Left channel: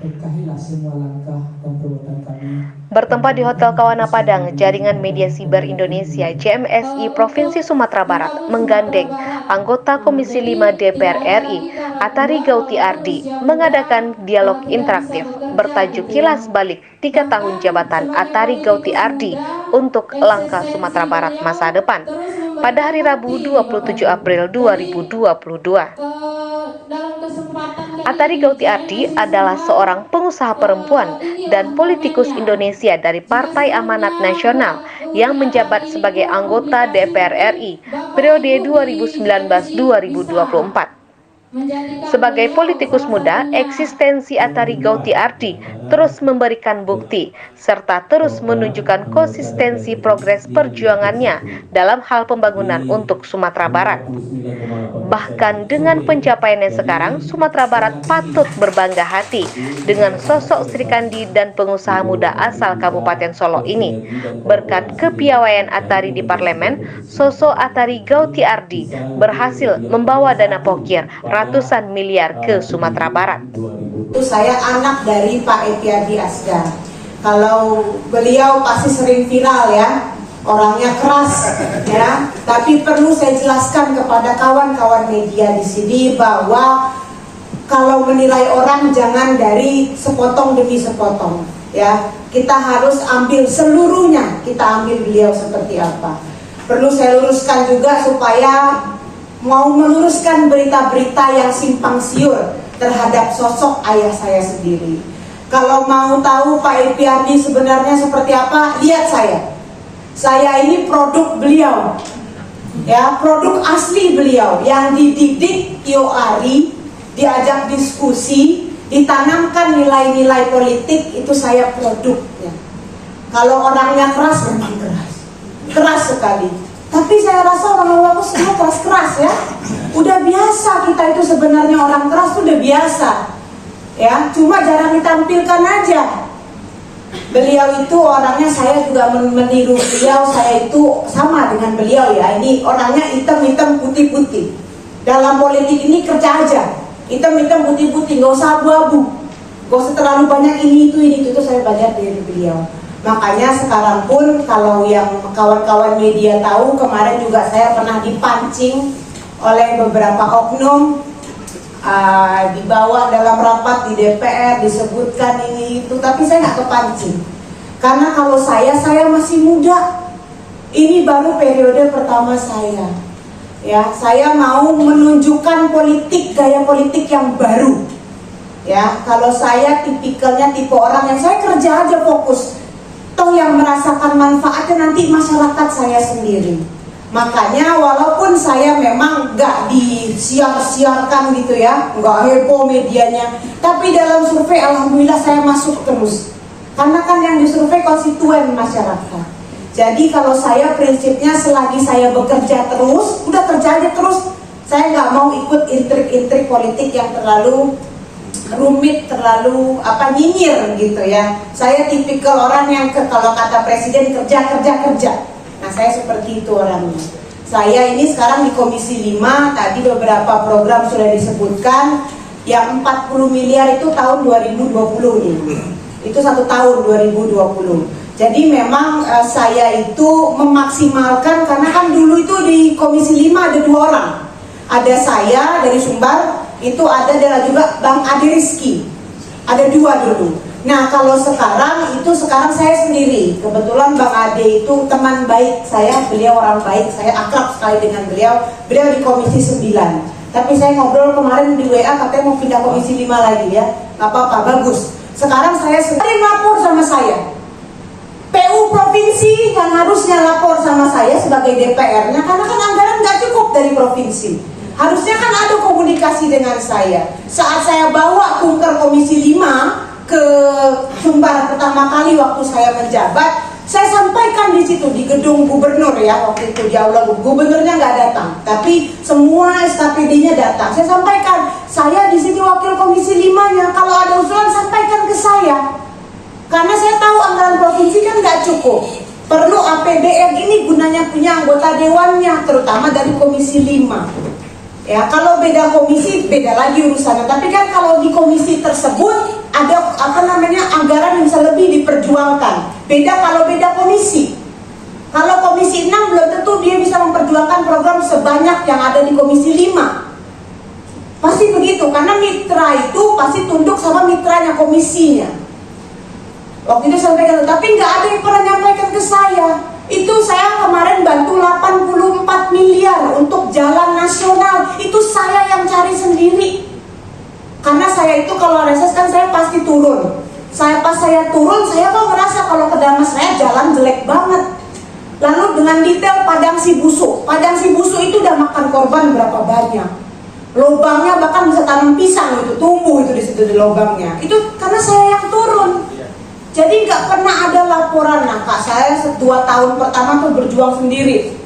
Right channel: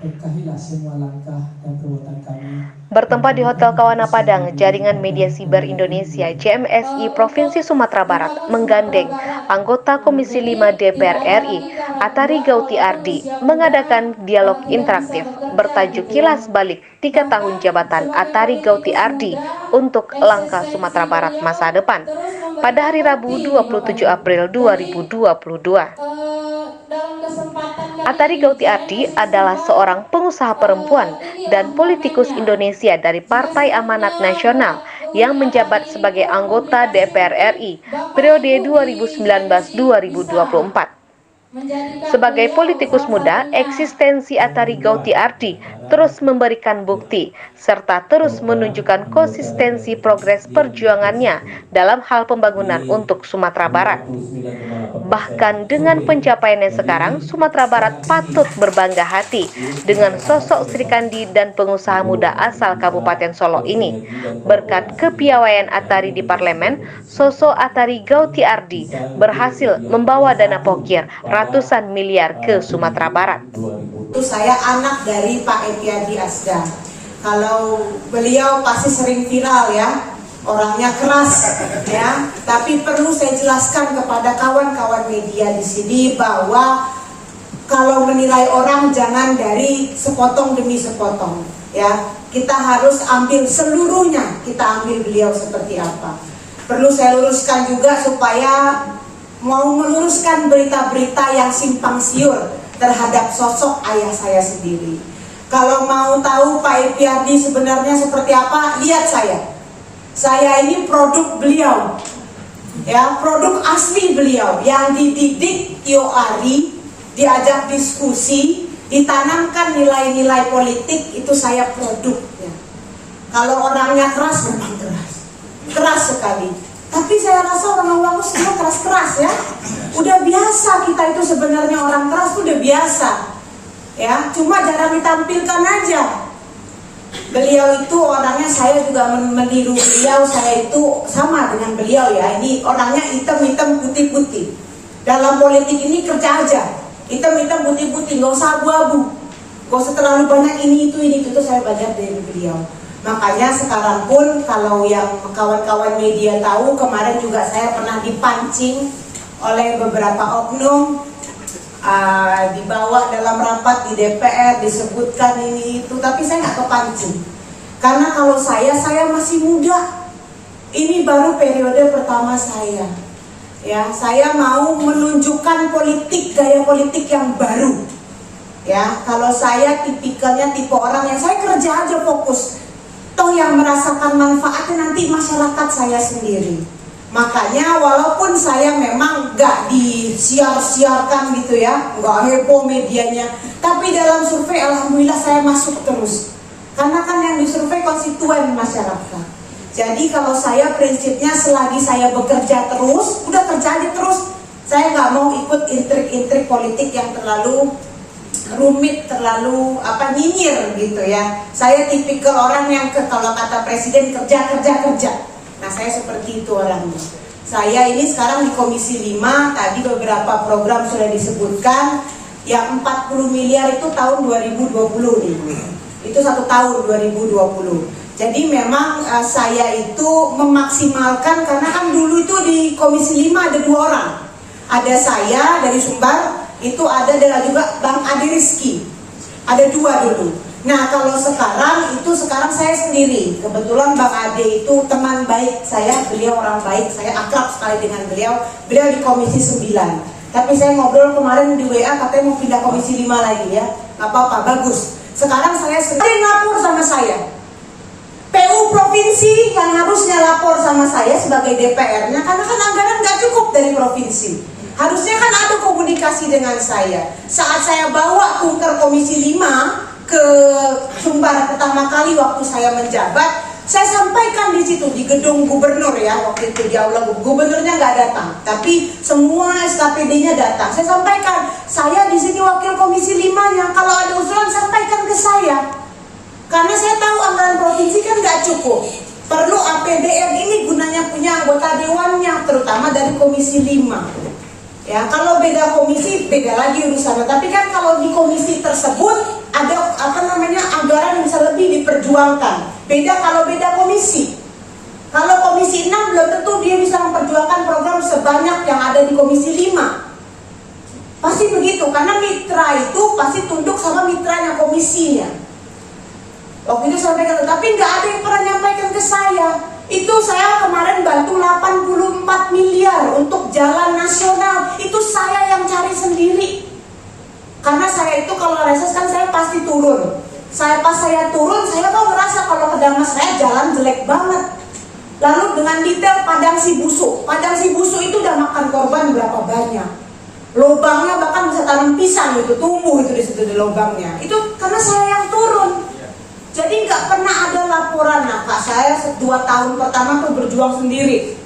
Berkahilah semua langkah dan perbuatan kami. Bertempat di Hotel Kawana Padang, Jaringan Media Siber Indonesia JMSI Provinsi Sumatera Barat menggandeng anggota Komisi 5 DPR RI Atari Gauti Ardi mengadakan dialog interaktif bertajuk Kilas Balik 3 tahun jabatan Atari Gauti Ardi untuk langkah Sumatera Barat masa depan pada hari Rabu 27 April 2022. Atari Gauti Ardi adalah seorang pengusaha perempuan dan politikus Indonesia dari Partai Amanat Nasional yang menjabat sebagai anggota DPR RI periode 2019-2024. Sebagai politikus muda, eksistensi Atari Gauti Ardi terus memberikan bukti serta terus menunjukkan konsistensi progres perjuangannya dalam hal pembangunan untuk Sumatera Barat. Bahkan dengan pencapaiannya sekarang, Sumatera Barat patut berbangga hati dengan sosok Sri Kandi dan pengusaha muda asal Kabupaten Solo ini. Berkat kepiawaian Atari di parlemen, sosok Atari Gauti Ardi berhasil membawa dana pokir ratusan miliar ke Sumatera Barat. Saya anak dari Pak Epyadi Asgar. Kalau beliau pasti sering viral ya, orangnya keras ya. Tapi perlu saya jelaskan kepada kawan-kawan media di sini bahwa kalau menilai orang jangan dari sepotong demi sepotong ya. Kita harus ambil seluruhnya, kita ambil beliau seperti apa. Perlu saya luruskan juga supaya mau meluruskan berita-berita yang simpang siur terhadap sosok ayah saya sendiri. Kalau mau tahu Pak Epyadi sebenarnya seperti apa, lihat saya. Saya ini produk beliau, ya, produk asli beliau yang dididik Tio Ari, diajak diskusi, ditanamkan nilai-nilai politik, itu saya produknya. Kalau orangnya keras, memang keras sekali. Tapi saya rasa orang-orang itu semua keras-keras ya. Udah biasa kita itu sebenarnya orang keras tuh udah biasa. Ya, cuma jarang ditampilkan aja. Beliau itu orangnya, saya juga meniru beliau, saya itu sama dengan beliau ya. Ini orangnya hitam-hitam putih-putih. Dalam politik ini kerja aja. Hitam-hitam putih-putih, nggak usah abu-abu. Nggak usah terlalu banyak ini itu saya belajar dari beliau. Makanya sekarang pun kalau yang kawan-kawan media tahu, kemarin juga saya pernah dipancing oleh beberapa oknum, dibawa dalam rapat di DPR, disebutkan ini itu, tapi saya nggak kepancing. Karena kalau saya masih muda, ini baru periode pertama saya. Ya, saya mau menunjukkan gaya politik yang baru. Ya, kalau saya tipikalnya tipe orang yang saya kerja aja fokus. Toh yang merasakan manfaatnya nanti masyarakat saya sendiri. Makanya walaupun saya memang gak disiar-siarkan gitu ya, gak heboh medianya, tapi dalam survei alhamdulillah saya masuk terus. Karena kan yang disurvei konstituen masyarakat. Jadi kalau saya prinsipnya selagi saya bekerja terus, udah kerja aja terus. Saya gak mau ikut intrik-intrik politik yang terlalu rumit, terlalu nyinyir gitu ya. Saya tipikal orang yang kalau kata presiden kerja. Nah, saya seperti itu orangnya. Saya ini sekarang di Komisi 5, tadi beberapa program sudah disebutkan. Yang 40 miliar itu tahun 2020 nih. Itu 1 tahun 2020. Jadi memang saya itu memaksimalkan, karena kan dulu itu di Komisi 5 ada 2 orang. Ada saya dari Sumbar, itu ada juga Bang Adi Rizky, ada 2 dulu. Nah kalau sekarang saya sendiri. Kebetulan Bang Ade itu teman baik saya, beliau orang baik, saya akrab sekali dengan beliau di Komisi 9. Tapi saya ngobrol kemarin di WA, katanya mau pindah Komisi 5 lagi ya. Gak apa-apa, bagus. Sekarang saya sendiri lapor sama saya. PU provinsi yang harusnya lapor sama saya sebagai DPR-nya, karena kan anggaran gak cukup dari provinsi. Harusnya kan ada komunikasi dengan saya. Saat saya bawa kunker Komisi 5 ke Sumbar pertama kali waktu saya menjabat, saya sampaikan di situ di gedung gubernur ya, waktu itu di aula gubernurnya nggak datang, tapi semua SKPD-nya datang. Saya sampaikan, saya di sini wakil Komisi 5-nya, kalau ada usulan sampaikan ke saya. Karena saya tahu anggaran provinsi kan nggak cukup. Perlu APBN ini gunanya punya anggota dewannya, terutama dari Komisi 5. Ya, kalau beda komisi beda lagi urusannya. Tapi kan kalau di komisi tersebut ada perjuangkan. Beda kalau beda komisi. Kalau komisi 6 belum tentu dia bisa memperjuangkan program sebanyak yang ada di komisi 5. Pasti begitu, karena mitra itu pasti tunduk sama mitranya, komisinya. Waktu itu sampaikan, tapi nggak ada yang pernah nyampaikan ke saya. Itu saya kemarin bantu 84 miliar untuk jalan nasional. Itu saya yang cari sendiri. Karena saya itu kalau reses kan saya pasti turun. Pas saya turun, saya kok merasa kalau ke Damas Raya jalan jelek banget. Lalu dengan detail Padang Sibusu. Padang Sibusu itu udah makan korban berapa banyak. Lubangnya bahkan bisa tanam pisang itu, tumbuh itu di situ di lubangnya. Itu karena saya yang turun. Jadi nggak pernah ada laporan. Nah, Kak, saya 2 tahun pertama tuh berjuang sendiri.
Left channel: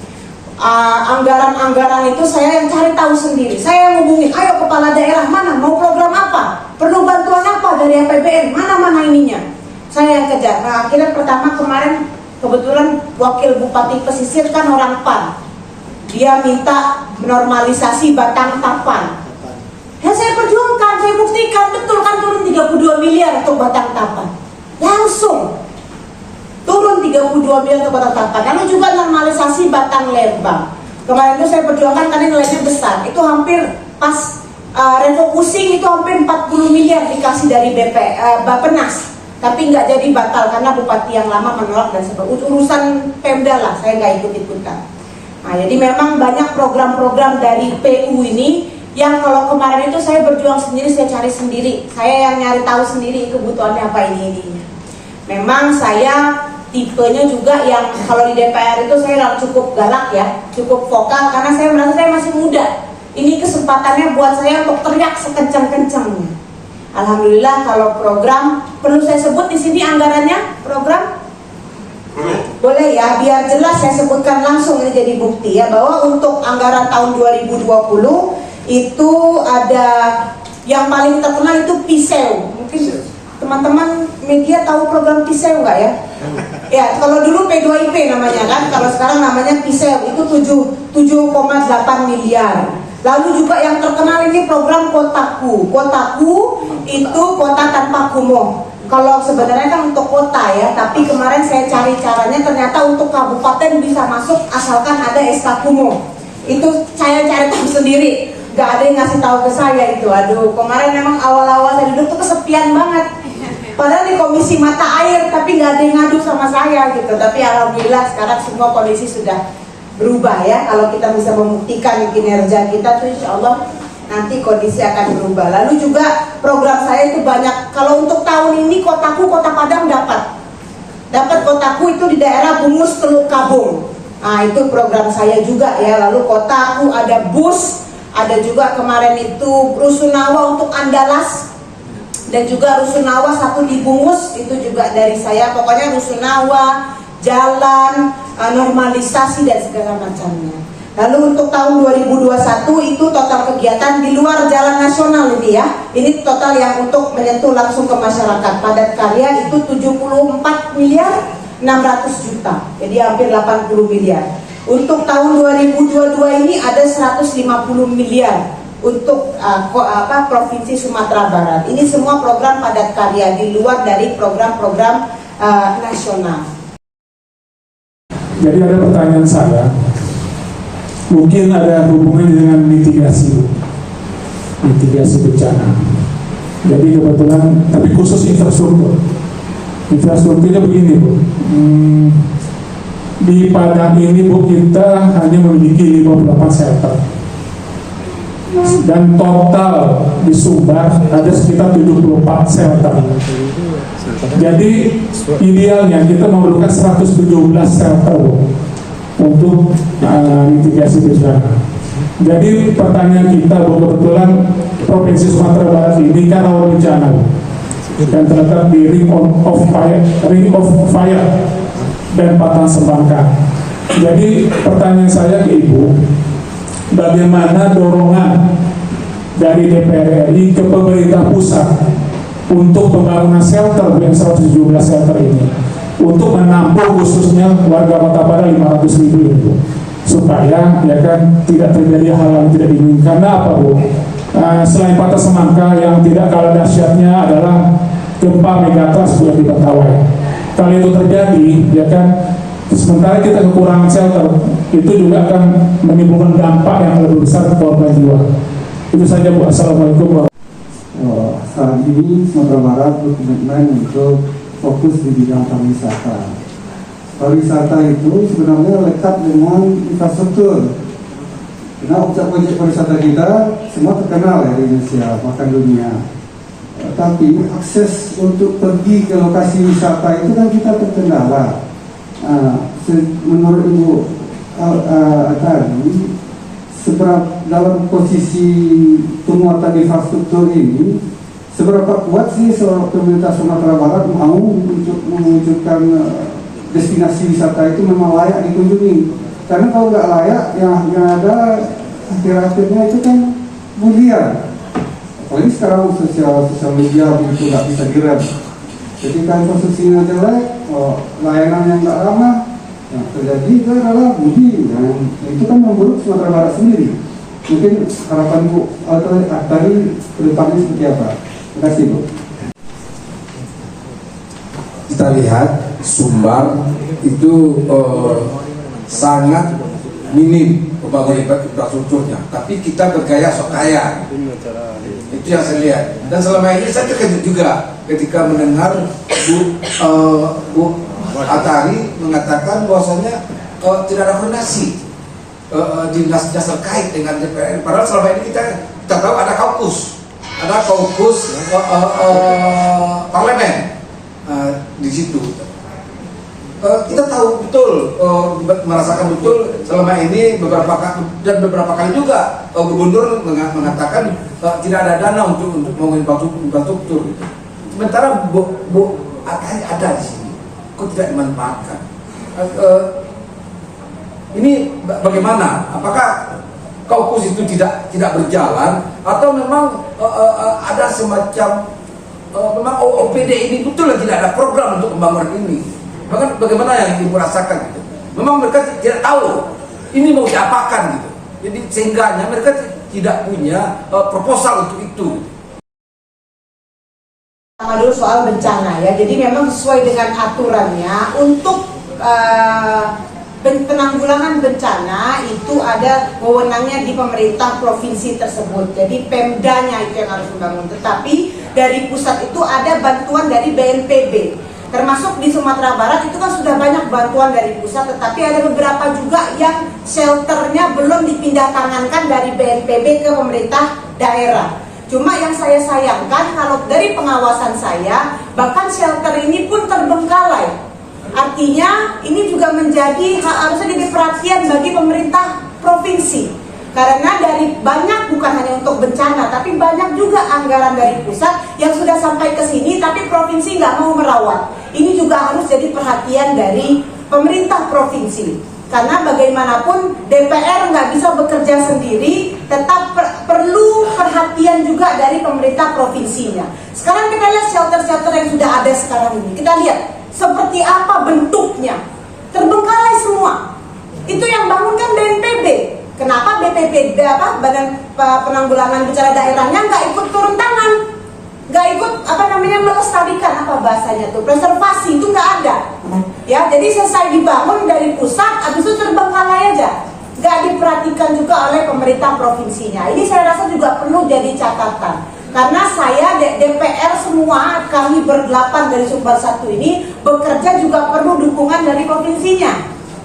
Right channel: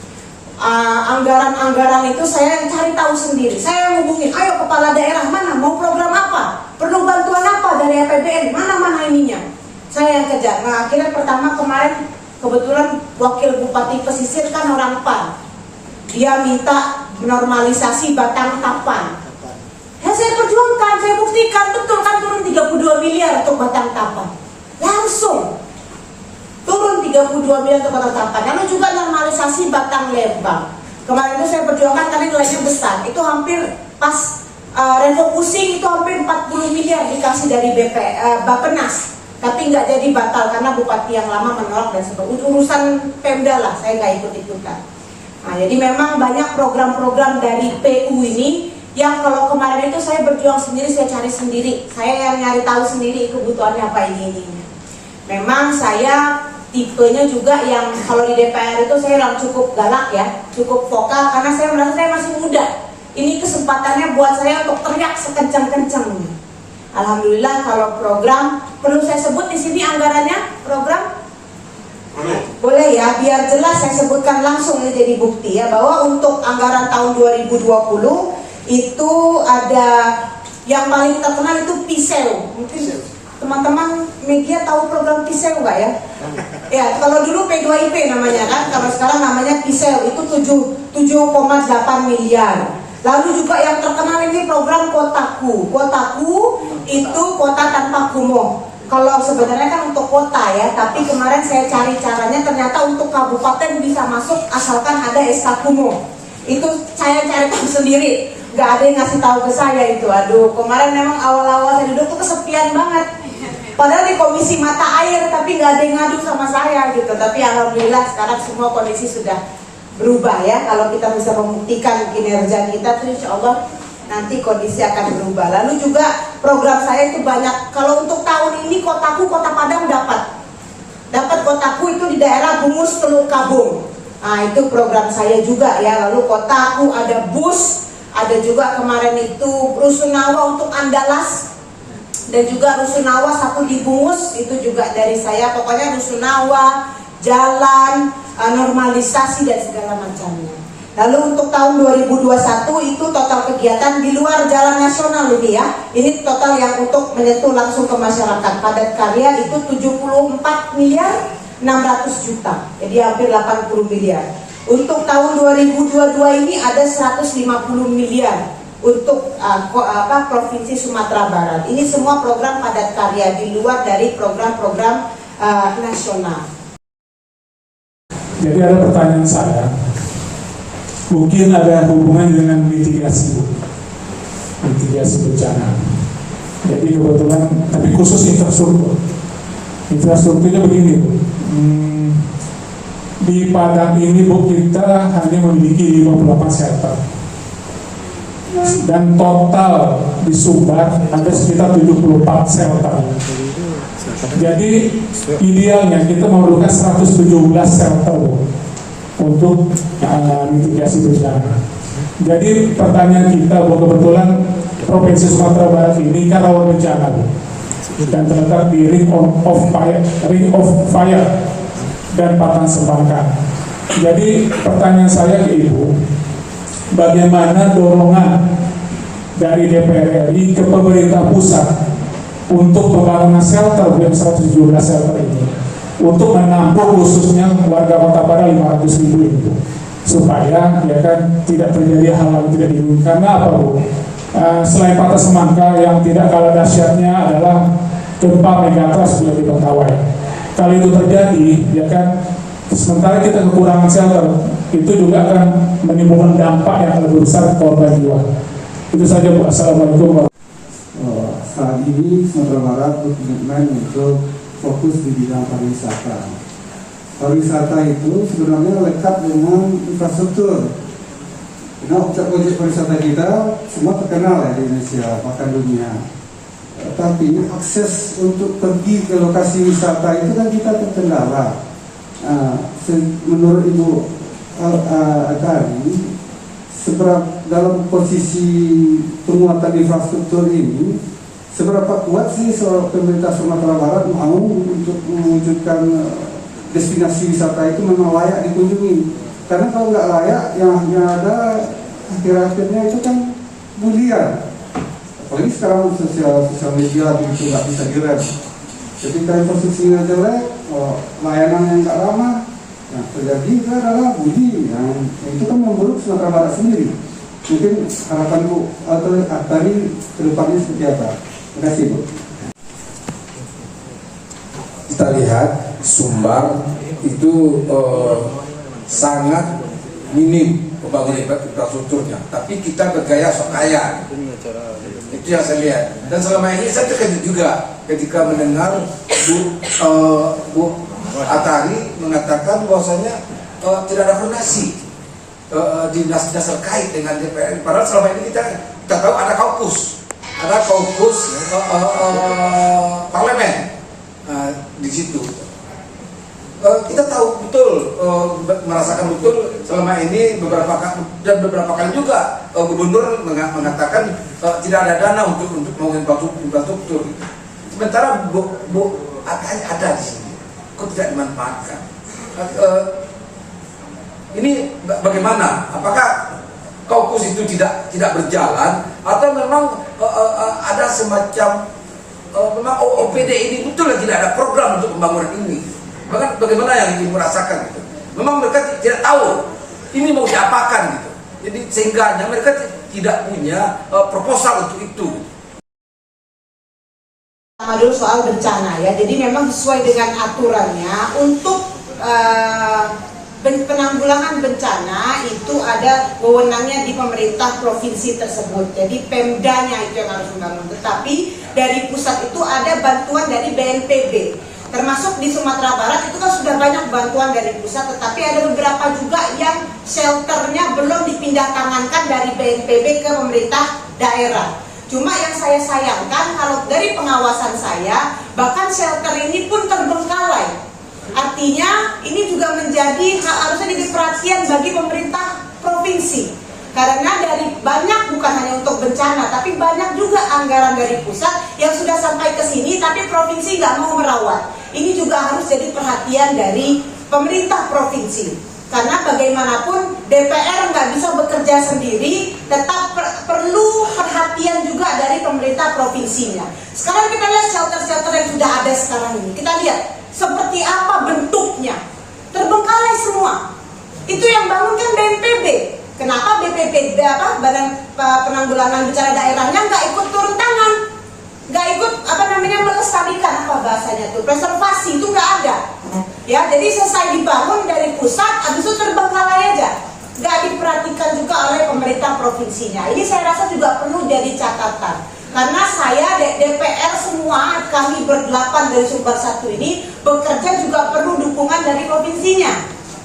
Anggaran-anggaran itu saya yang cari tahu sendiri. Saya yang hubungin, ayo kepala daerah mana, mau program apa, perlu bantuan apa dari APBN, mana ininya. Saya yang kejar. Nah, akhirnya pertama kemarin kebetulan wakil bupati pesisir kan orang PAN. Dia minta normalisasi Batang Tapan. Ya saya perjuangkan, saya buktikan betul kan turun 32 miliar untuk Batang Tapan. Langsung turun 32 miliar untuk Batang Tapan. Lalu juga normalisasi Batang Lembang. Kemarin itu saya perjuangkan karena nilainya besar. Itu hampir pas refocusing itu hampir 40 miliar dikasih dari Bappenas. Tapi nggak jadi batal karena bupati yang lama menolak dan sebagainya. Urusan Pemda lah, saya nggak ikut-ikutan. Nah, jadi memang banyak program-program dari PU ini yang kalau kemarin itu saya berjuang sendiri, saya cari sendiri, saya yang nyari tahu sendiri kebutuhannya apa ini. Memang saya tipenya juga yang kalau di DPR itu saya cukup galak ya, cukup vokal karena saya merasa saya masih muda. Ini kesempatannya buat saya untuk teriak sekencang-kencangnya. Alhamdulillah kalau program, perlu saya sebut di sini anggarannya program? Boleh ya, biar jelas saya sebutkan langsung ini jadi bukti ya, bahwa untuk anggaran tahun 2020 itu ada yang paling terkenal itu Piseu. Mungkin teman-teman media tahu program Piseu nggak ya? Ya, kalau dulu P2IP namanya kan, kalau sekarang namanya Piseu, itu 7,8 miliar. Lalu juga yang terkenal ini program Kotaku. Kotaku itu kota tanpa kumuh. Kalau sebenarnya kan untuk kota ya, tapi kemarin saya cari caranya ternyata untuk kabupaten bisa masuk asalkan ada SK kumuh. Itu saya cari tahu sendiri, nggak ada yang ngasih tahu ke saya itu. Aduh, kemarin memang awal-awal saya duduk tuh kesepian banget. Padahal di komisi mata air, tapi nggak ada yang ngadu sama saya gitu. Tapi alhamdulillah sekarang semua kondisi sudah berubah ya. Kalau kita bisa membuktikan kinerja kita tuh insya Allah nanti kondisi akan berubah. Lalu juga program saya itu banyak. Kalau untuk tahun ini Kotaku, Kota Padang dapat Kotaku itu di daerah Bungus Teluk Kabung. Nah itu program saya juga ya. Lalu Kotaku ada bus, ada juga kemarin itu Rusunawa untuk Andalas, dan juga Rusunawa satu di Bungus itu juga dari saya. Pokoknya Rusunawa, jalan, normalisasi dan segala macamnya. Lalu untuk tahun 2021 itu total kegiatan di luar jalan nasional ini ya. Ini total yang untuk menyentuh langsung ke masyarakat. Padat karya itu 74 miliar 600 juta. Jadi hampir 80 miliar. Untuk tahun 2022 ini ada 150 miliar untuk Provinsi Sumatera Barat. Ini semua program padat karya di luar dari program-program nasional. Jadi ada pertanyaan saya, mungkin ada hubungan dengan mitigasi bencana. Jadi kebetulan, tapi khusus infrastrukturnya begini Bu. Di Padang ini Bu, kita hanya memiliki 58 shelter, dan total di Sumbar ada sekitar 74 shelter. Jadi idealnya kita memerlukan 117 shelter untuk mitigasi bencana. Jadi pertanyaan kita bahwa kebetulan Provinsi Sumatera Barat ini kan rawan bencana dan terletak di Ring of Fire dan Padang Semangka. Jadi pertanyaan saya ke Ibu, bagaimana dorongan dari DPR RI ke pemerintah pusat untuk pembangunan shelter yang 117 shelter ini, untuk menampung khususnya warga Kota Padang 500.000 itu, supaya ya kan tidak terjadi hal yang tidak diinginkan. Karena apa Bu? Selain Patah Semangka, yang tidak kalah dahsyatnya adalah gempa Megatrust yang di Mentawai. kalau itu terjadi, ya kan, sementara kita kekurangan shelter, itu juga akan menimbulkan dampak yang lebih besar ke korban jiwa. Itu saja Bu. Assalamualaikum. Saat ini Sumatera Barat berkomitmen untuk fokus di bidang pariwisata. Pariwisata itu sebenarnya lekat dengan infrastruktur. Karena objek pariwisata kita semua terkenal ya di Indonesia, bahkan dunia. Tapi akses untuk pergi ke lokasi wisata itu kan kita terkendala. Menurut Ibu tadi, dalam posisi penguatan infrastruktur ini, seberapa kuat sih pemerintah Sumatera Barat mau untuk mewujudkan destinasi wisata itu memang layak dikunjungi? Karena kalau nggak layak, yang ada akhir-akhirnya itu kan bulian. Apalagi sekarang sosial media begitu nggak bisa direm. Ketika infrastrukturnya jelek, layanan yang nggak ramah, yang terjadi itu adalah bully, yang itu kan memburuk Sumatera Barat sendiri. Mungkin harapan Bu tadi ke depannya seperti apa? Terima kasih Bu. Kita lihat Sumbar itu sangat minim pembangunan infrastrukturnya, tapi kita bergaya sok kaya. Itu yang saya lihat. Dan selama ini saya terkejut juga ketika mendengar Bu Atari mengatakan bahwasanya tidak ada koordinasi dinas-dinas terkait dengan DPR. Padahal selama ini kita tahu ada kaukus parlemen di situ. Kita tahu betul, merasakan betul selama ini beberapa kali juga gubernur mengatakan tidak ada dana untuk membangun infrastruktur. Sementara Bu Atari ada di sini, kok tidak dimanfaatkan? Ini bagaimana? Apakah kaukus itu tidak berjalan atau memang ada semacam memang OPD ini betul tidak ada program untuk pembangunan ini? Bahkan bagaimana yang Ibu rasakan gitu? Memang mereka tidak tahu ini mau diapakan gitu. Jadi sehingganya mereka tidak punya proposal untuk itu. Sama dulu soal bencana ya. Jadi memang sesuai dengan aturannya untuk penanggulangan bencana itu ada wewenangnya di pemerintah provinsi tersebut. Jadi Pemdanya itu yang harus membangun. Tetapi dari pusat itu ada bantuan dari BNPB. Termasuk di Sumatera Barat itu kan sudah banyak bantuan dari pusat, tetapi ada beberapa juga yang shelternya belum dipindah tangankan dari BNPB ke pemerintah daerah. Cuma yang saya sayangkan kalau dari pengawasan saya, bahkan shelter ini pun terbengkalai. Artinya ini juga menjadi harusnya jadi perhatian bagi pemerintah provinsi. Karena dari banyak, bukan hanya untuk bencana, tapi banyak juga anggaran dari pusat yang sudah sampai ke sini, tapi provinsi nggak mau merawat. Ini juga harus jadi perhatian dari pemerintah provinsi. Karena bagaimanapun DPR nggak bisa bekerja sendiri, tetap perlu perhatian juga dari pemerintah provinsinya. Sekarang kita lihat shelter-shelter yang sudah ada sekarang ini. Kita lihat seperti apa bentuknya. Terbengkalai semua. Itu yang bangun kan BNPB. Kenapa BPBD Badan Penanggulangan Bencana Daerahnya nggak ikut turun tangan, nggak ikut melestarikan bahasanya tuh preservasi itu nggak ada. Ya, jadi selesai dibangun dari pusat, habis itu terbengkalai aja, nggak diperhatikan juga oleh pemerintah provinsinya. Ini saya rasa juga perlu jadi catatan. Karena saya DPR semua kami berdelapan dari Sumbar 1 ini bekerja juga perlu dukungan dari provinsinya.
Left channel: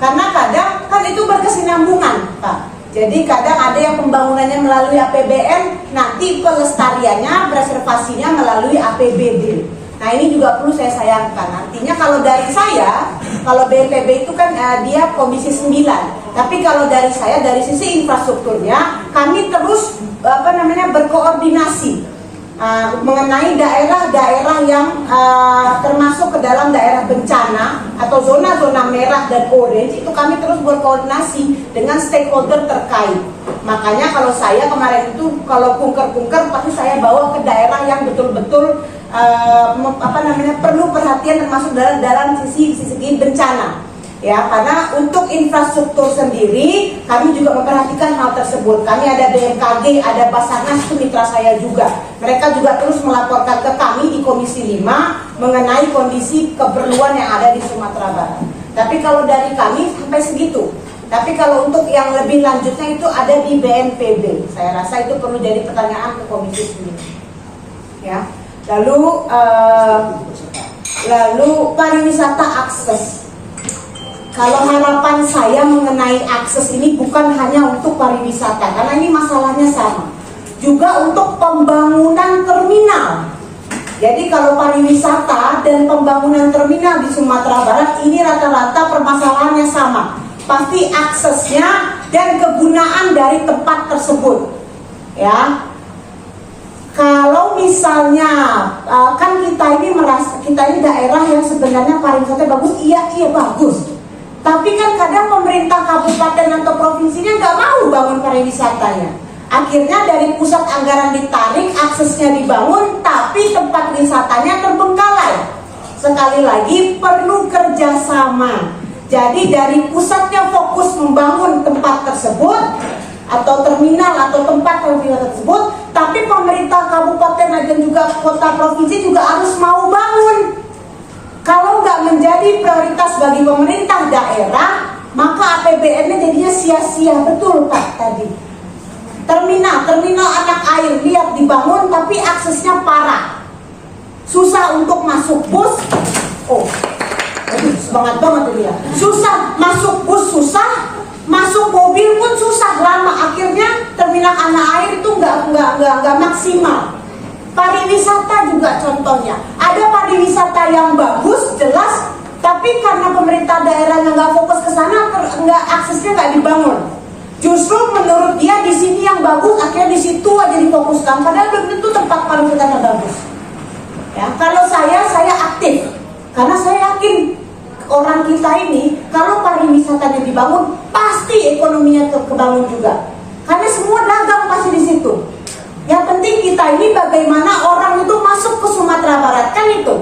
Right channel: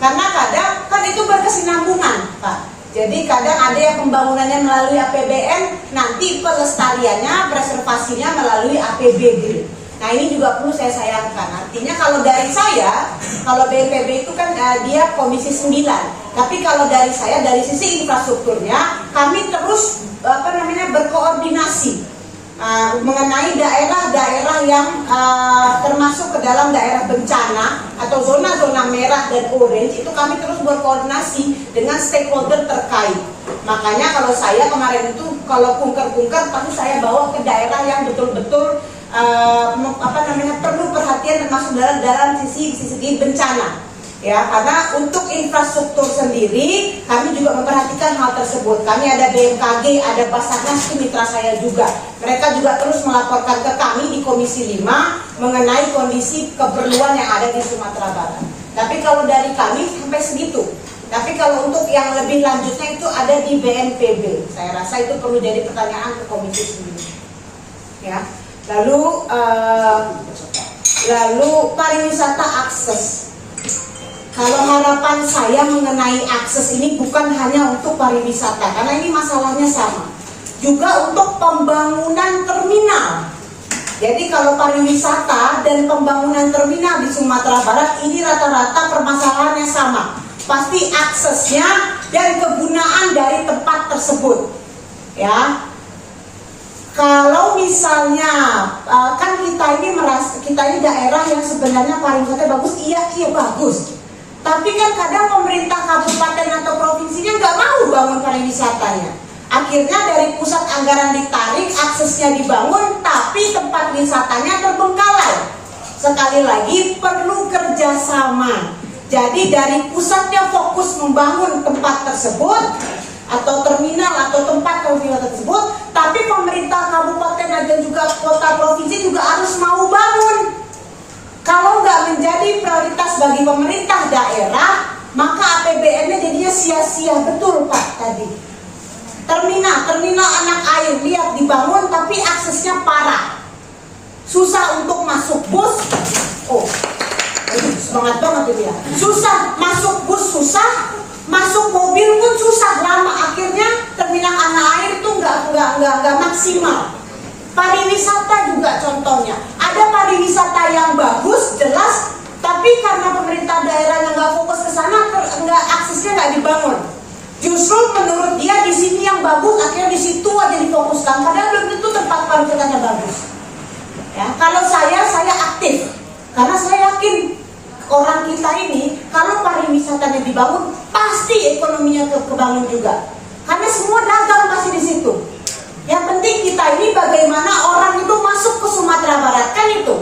Karena kadang kan itu berkesinambungan, Pak. Jadi kadang ada yang pembangunannya melalui APBN, nanti pelestariannya, preservasinya melalui APBD. Nah ini juga perlu saya sayangkan. Artinya kalau dari saya, kalau BNPB itu kan dia komisi 9. Tapi kalau dari saya, dari sisi infrastrukturnya, kami terus berkoordinasi mengenai daerah-daerah yang termasuk ke dalam daerah bencana atau zona-zona merah dan orange. Itu kami terus berkoordinasi dengan stakeholder terkait. Makanya kalau saya kemarin itu kalau kunker-kunker pasti saya bawa ke daerah yang betul-betul perlu perhatian termasuk dalam sisi bencana. Ya, karena untuk infrastruktur sendiri kami juga memperhatikan hal tersebut. Kami ada BMKG, ada Basarnas, itu mitra saya juga. Mereka juga terus melaporkan ke kami di Komisi 5 mengenai kondisi keperluan yang ada di Sumatera Barat. Tapi kalau dari kami sampai segitu. Tapi kalau untuk yang lebih lanjutnya itu ada di BNPB. Saya rasa itu perlu jadi pertanyaan ke Komisi 9. Ya. Lalu pariwisata akses. Kalau harapan saya mengenai akses ini bukan hanya untuk pariwisata, karena ini masalahnya sama. Juga untuk pembangunan terminal. Jadi kalau pariwisata dan pembangunan terminal di Sumatera Barat ini rata-rata permasalahannya sama. Pasti aksesnya dan kegunaan dari tempat tersebut. Ya. Kalau misalnya kan kita ini daerah yang sebenarnya pariwisata bagus, iya bagus. Tapi kan kadang pemerintah kabupaten atau provinsinya nggak mau bangun pariwisatanya. Akhirnya dari pusat anggaran ditarik, aksesnya dibangun, tapi tempat wisatanya terbengkalai. Sekali lagi perlu kerjasama. Jadi dari pusatnya fokus membangun tempat tersebut atau terminal atau tempat wisata tersebut, tapi pemerintah kabupaten dan juga kota provinsi juga harus mau bangun. Kalau nggak menjadi prioritas bagi pemerintah daerah, maka APBN-nya jadinya sia-sia. Betul Pak tadi. Terminal anak air, lihat dibangun tapi aksesnya parah. Susah untuk masuk bus. Semangat banget tuh dia. Susah masuk bus, susah masuk mobil pun susah, lama. Akhirnya terminal anak air itu nggak maksimal. Pariwisata juga contohnya. Ada pariwisata yang bagus, jelas, tapi karena pemerintah daerahnya nggak fokus ke sana, aksesnya nggak dibangun. Justru menurut dia di sini yang bagus, akhirnya di situ aja difokuskan. Padahal belum tentu tempat pariwisatanya bagus. Ya, kalau saya aktif, karena saya yakin orang kita ini kalau pariwisatanya dibangun, pasti ekonominya kebangun juga. Karena semua dagang pasti di situ. Yang penting kita ini bagaimana orang itu masuk ke Sumatera Barat, kan itu.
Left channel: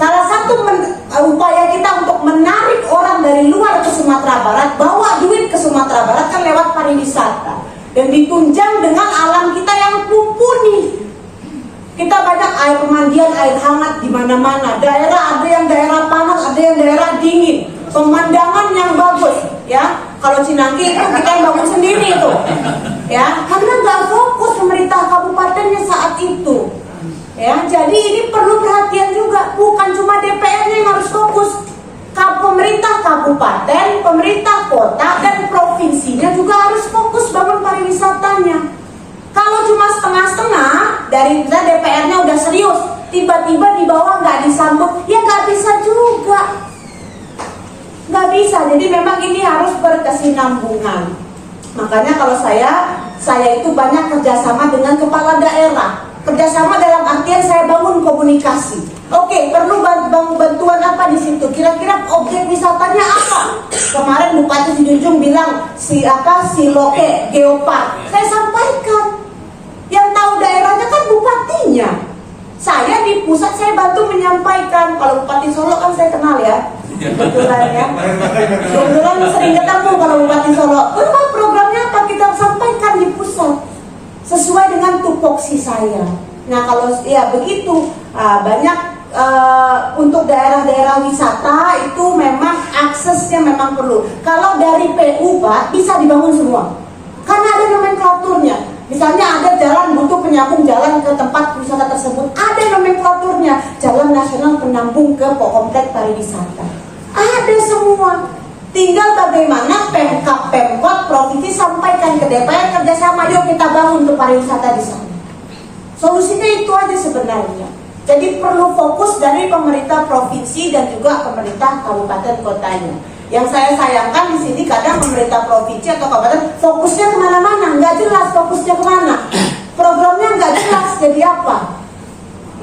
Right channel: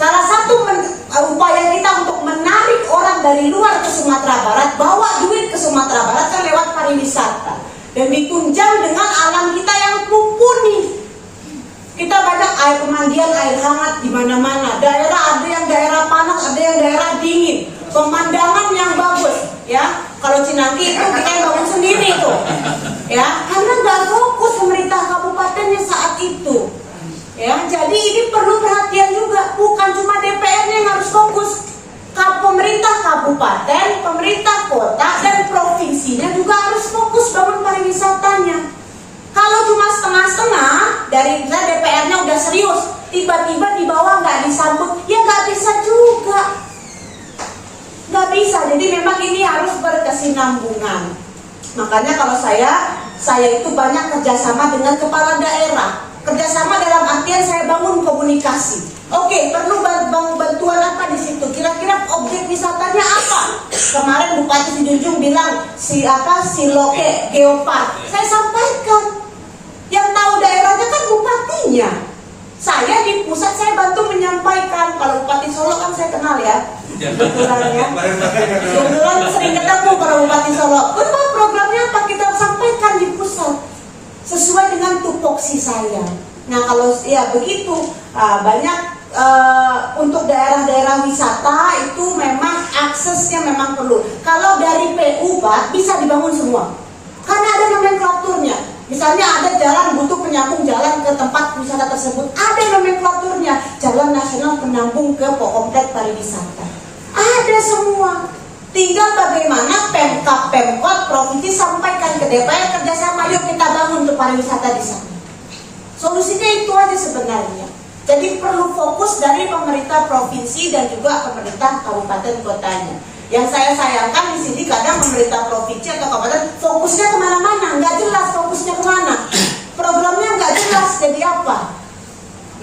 Salah satu upaya kita untuk menarik orang dari luar ke Sumatera Barat, bawa duit ke Sumatera Barat kan lewat pariwisata. Dan ditunjang dengan alam kita yang mumpuni. Kita banyak air pemandian, air hangat di mana-mana. Daerah ada yang daerah panas, ada yang daerah dingin. Pemandangan yang bagus, ya. Kalau Cinangki itu kita yang bangun sendiri itu, ya. Karena nggak fokus pemerintah kabupatennya saat itu. Ya, jadi ini perlu perhatian juga, bukan cuma DPR-nya yang harus fokus. Pemerintah kabupaten, pemerintah kota, dan provinsinya juga harus fokus bangun pariwisatanya. Kalau cuma setengah-setengah, dari DPR-nya udah serius, tiba-tiba di bawah nggak disambut, ya nggak bisa juga. Nggak bisa, jadi memang ini harus berkesinambungan. Makanya kalau saya itu banyak kerjasama dengan kepala daerah. Kerjasama dalam artian saya bangun komunikasi. Oke, perlu bantuan apa di situ? Kira-kira objek wisatanya apa? Kemarin Bupati Sijunjung bilang si Loke Geopark. Saya sampaikan. Yang tahu daerahnya kan bupatinya. Saya di pusat saya bantu menyampaikan. Kalau Bupati Solo kan saya kenal ya. Kebetulan ya. Kebetulan sering ketemu kalau Bupati Solo. Kalau programnya apa kita sampaikan di pusat. Sesuai dengan tupoksi saya. Nah kalau ya begitu banyak untuk daerah-daerah wisata itu memang aksesnya memang perlu. Kalau dari PU Pak bisa dibangun semua, karena ada nomenklaturnya. Misalnya ada jalan butuh penyambung jalan ke tempat wisata tersebut, ada nomenklaturnya. Jalan nasional penyambung ke komplek pariwisata, ada semua. Tinggal bagaimana Pemkab, provinsi sampaikan ke DPR kerjasama, yuk kita bangun untuk pariwisata di sana. Solusinya itu aja sebenarnya. Jadi perlu fokus dari pemerintah provinsi dan juga pemerintah kabupaten kotanya. Yang saya sayangkan di sini kadang pemerintah provinsi atau kabupaten fokusnya kemana-mana, nggak jelas fokusnya kemana. Programnya nggak jelas jadi apa.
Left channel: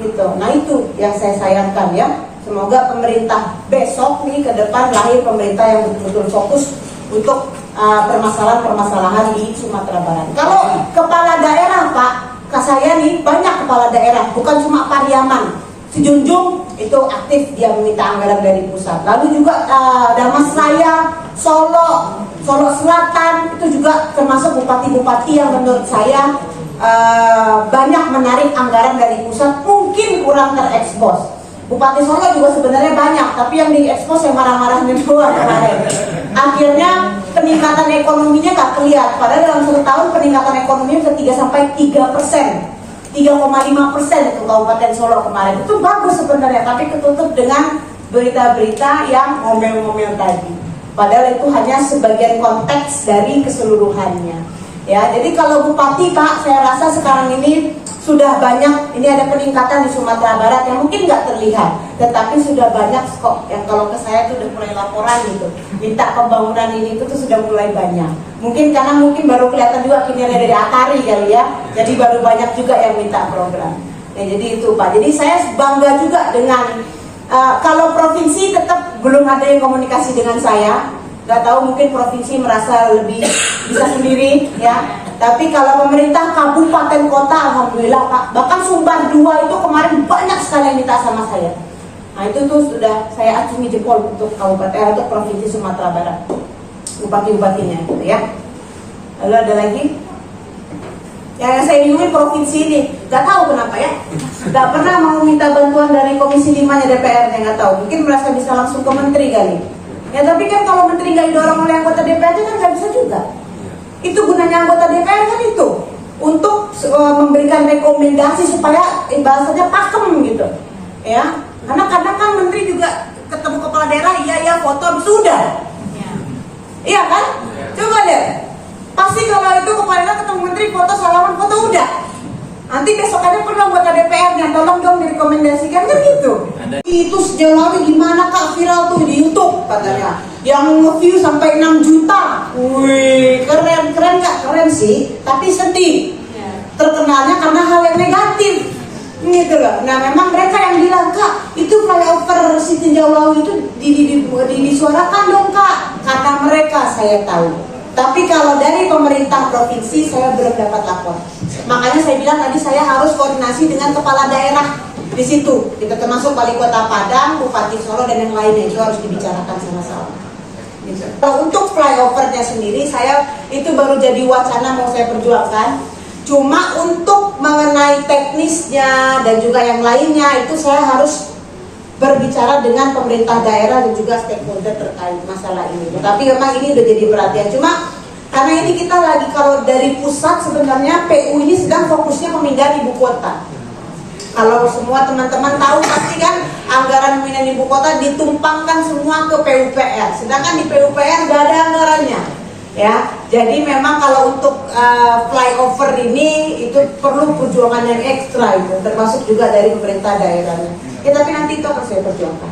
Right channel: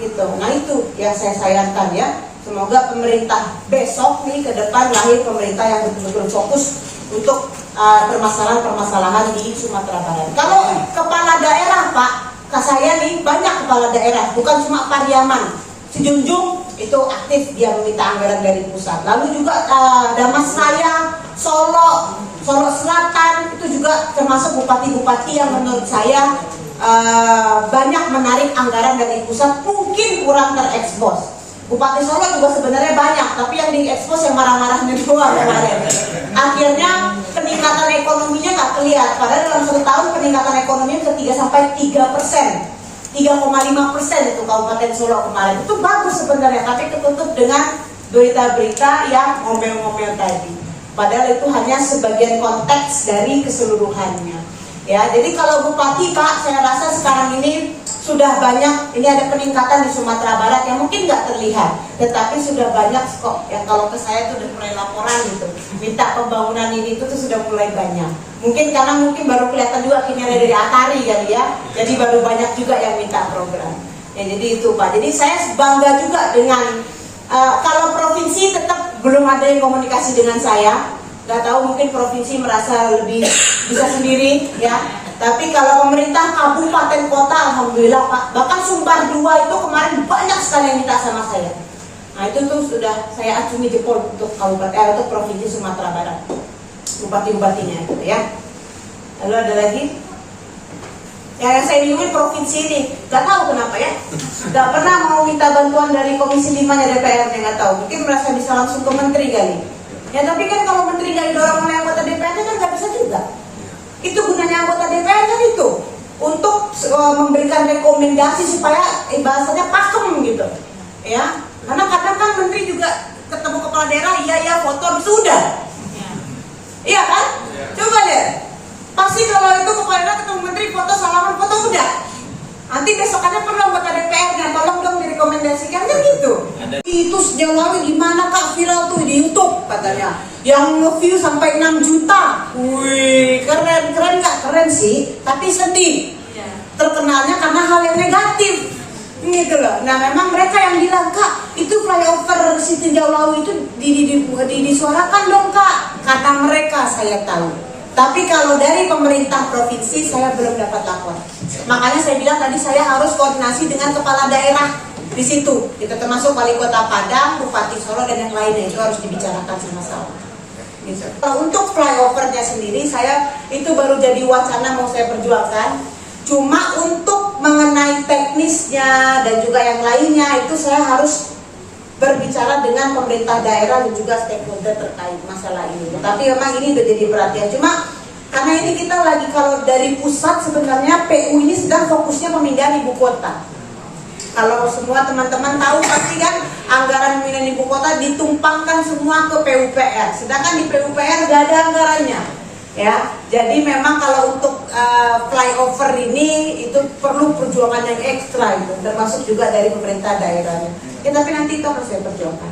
Gitu. Nah itu yang saya sayangkan ya. Semoga pemerintah besok nih ke depan lahir pemerintah yang betul-betul fokus untuk permasalahan-permasalahan di Sumatera Barat. Kalau kepala daerah Pak, saya nih banyak kepala daerah, bukan cuma Pariaman. Sijunjung itu aktif dia meminta anggaran dari pusat. Lalu juga Damasraya, Solo Selatan itu juga termasuk bupati-bupati yang menurut saya banyak menarik anggaran dari pusat, mungkin kurang terekspos. Bupati Solo juga sebenarnya banyak, tapi yang diekspos yang marah-marahnya doang kemarin. Akhirnya peningkatan ekonominya nggak kelihatan. Padahal dalam 1 tahun peningkatan ekonominya ke 3-3%, 3,5% itu Kabupaten Solo kemarin. Itu bagus sebenarnya, tapi ketutup dengan berita-berita yang ngomel-ngomel tadi. Padahal itu hanya sebagian konteks dari keseluruhannya. Ya, jadi kalau Bupati Pak, saya rasa sekarang ini sudah banyak, ini ada peningkatan di Sumatera Barat yang mungkin nggak terlihat, tetapi sudah banyak kok yang kalau ke saya itu udah mulai laporan gitu, minta pembangunan ini itu tuh sudah mulai banyak. Mungkin karena baru kelihatan juga kinerja dari Atari kali ya, jadi baru banyak juga yang minta program. Ya, jadi itu Pak. Jadi saya bangga juga dengan kalau provinsi tetap belum ada yang komunikasi dengan saya. Nggak tahu, mungkin provinsi merasa lebih bisa sendiri ya. Tapi kalau pemerintah kabupaten kota, alhamdulillah Pak. Bahkan Sumbar 2 itu kemarin banyak sekali yang minta sama saya. Nah itu tuh sudah saya acungi jempol untuk kabupaten untuk provinsi Sumatera Barat, bupati-bupatinya gitu ya. Lalu ada lagi yang saya bingungin provinsi ini, nggak tahu kenapa ya, nggak pernah mau minta bantuan dari Komisi 5-nya DPR, nggak tahu. Mungkin merasa bisa langsung ke menteri kali. Ya tapi kan kalau menteri nggak didorong oleh anggota DPR kan nggak bisa juga. Itu gunanya anggota DPR kan itu untuk memberikan rekomendasi supaya bahasanya pakem gitu, ya. Karena kadang kan menteri juga ketemu kepala daerah, iya foto habis udah, iya kan? Coba lihat, pasti kalau itu kepala daerah ketemu menteri foto salaman foto udah. Nanti besokannya perlu anggota DPR dan tolong dong direkomendasikan kan gitu. Itu sejauh lalu gimana Kak, viral tuh di YouTube katanya, yang nge-view sampai 6 juta. Wih, keren nggak? Keren sih, tapi sedih. Terkenalnya karena hal yang negatif, gitu loh. Nah memang mereka yang bilang Kak, itu flyover si tinjau laut itu disuarakan dong Kak. Kata mereka saya tahu. Tapi kalau dari pemerintah provinsi saya belum dapat lapor. Makanya saya bilang tadi saya harus koordinasi dengan kepala daerah di situ. Kita termasuk Wali Kota Padang, Bupati Solo dan yang lainnya, itu harus dibicarakan sama-sama. Gitu. Untuk flyovernya sendiri saya itu baru jadi wacana mau saya perjuangkan. Cuma untuk mengenai teknisnya dan juga yang lainnya itu saya harus berbicara dengan pemerintah daerah dan juga stakeholder terkait masalah ini. Tapi memang ini udah jadi perhatian. Cuma karena ini kita lagi, kalau dari pusat sebenarnya PU ini sedang fokusnya pemindahan ibu kota. Kalau semua teman-teman tahu pasti kan anggaran pemindahan ibu kota ditumpangkan semua ke PUPR. Sedangkan di PUPR nggak ada anggarannya. Ya, jadi memang kalau untuk flyover ini itu perlu perjuangan yang ekstra itu, termasuk juga dari pemerintah daerahnya. Ya tapi nanti itu akan saya perjuangkan.